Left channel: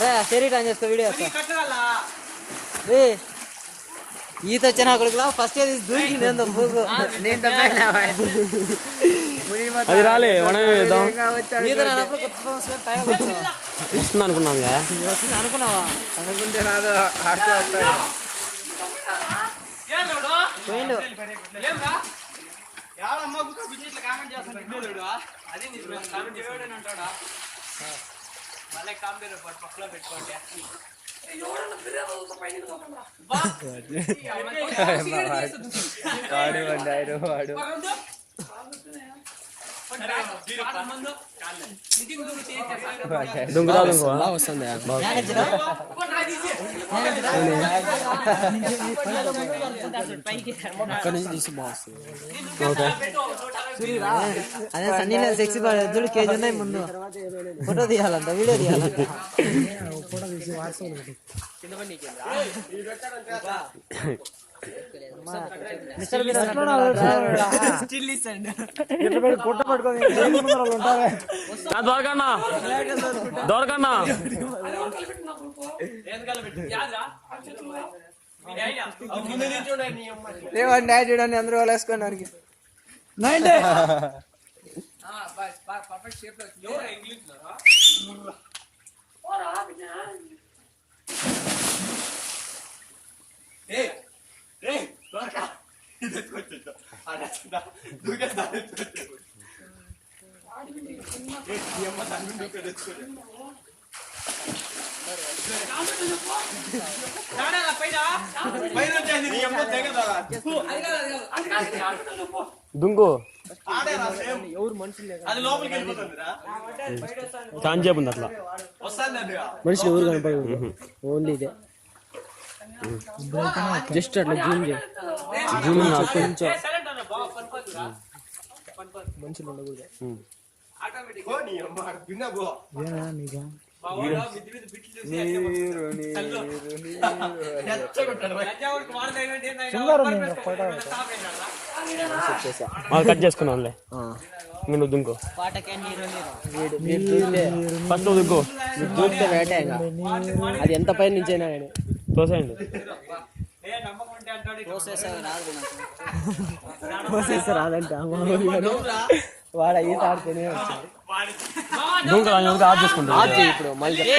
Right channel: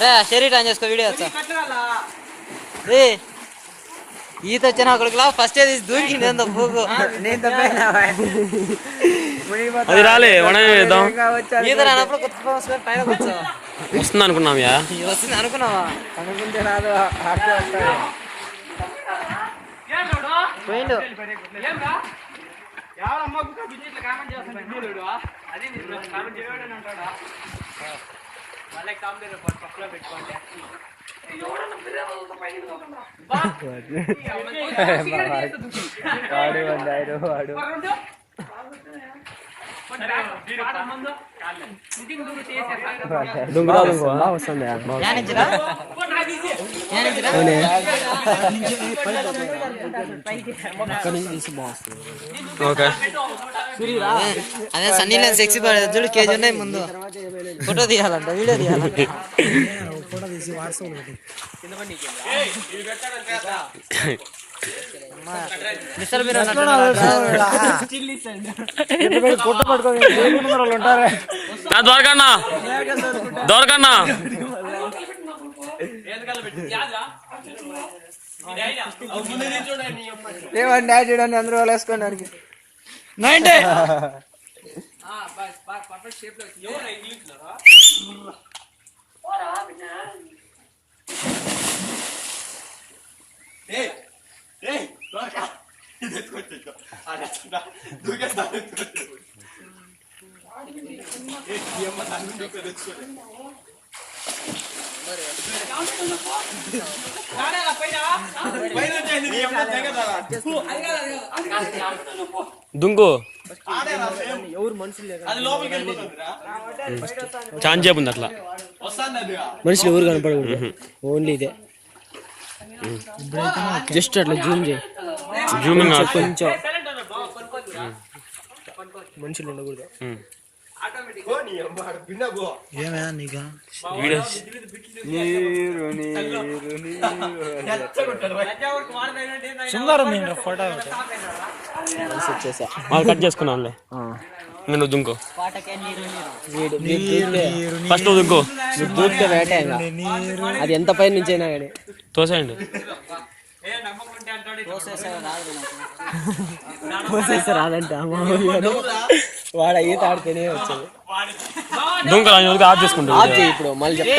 రే శరీరం ఆన్ చేసుకో వీడియో రే ఈత వచ్చిన కొడుకులా ఫస్ట్ తీసి దూకి నేను పోకు ఈత రానప్పుడు కొత్త పైన కూర్చో వస్తుంది అనుకున్నావా వస్తుంది అనుకున్నావా అనుకుంటే రాదు పోయిండు బాగా వస్తుంది అదే సన్నీ సెక్సీ చూడు కేజీ ఉన్నాయి ముందు ఫోటో తీయాలంట వీడియో తీయాలంట కొట్ట పట్టుకోవాలి దొరకన్నా దొరకన్నా ఏమండి చూడండి అందరూ వాళ్ళు వేసుకోండి దుంకు ఎవరు మనుషులు ఛాన్స్ చెప్పుంది అట్లా మనుషులు ఎవరు కనపడకూడదు ఓన్లీ ఇదే జస్ట్ అట్లా జూమ్ చేయి కొంచెం మనుషులు ఉండకూడదు కట్ చేసుకున్నానులే నేను దుంకో వీడు దూకితే ఫస్ట్ దుంకో వీడు దూకితే వేటే ఇంకా అది ఎంత పై నుంచి అయినా కానీ తోసేయండి పోసేస్తే రాదంట వాడు ఈత ఆడితేనే వచ్చేది దుంకలు ఆఫ్ చేసుకుంటా ఇప్పుడు మళ్ళీ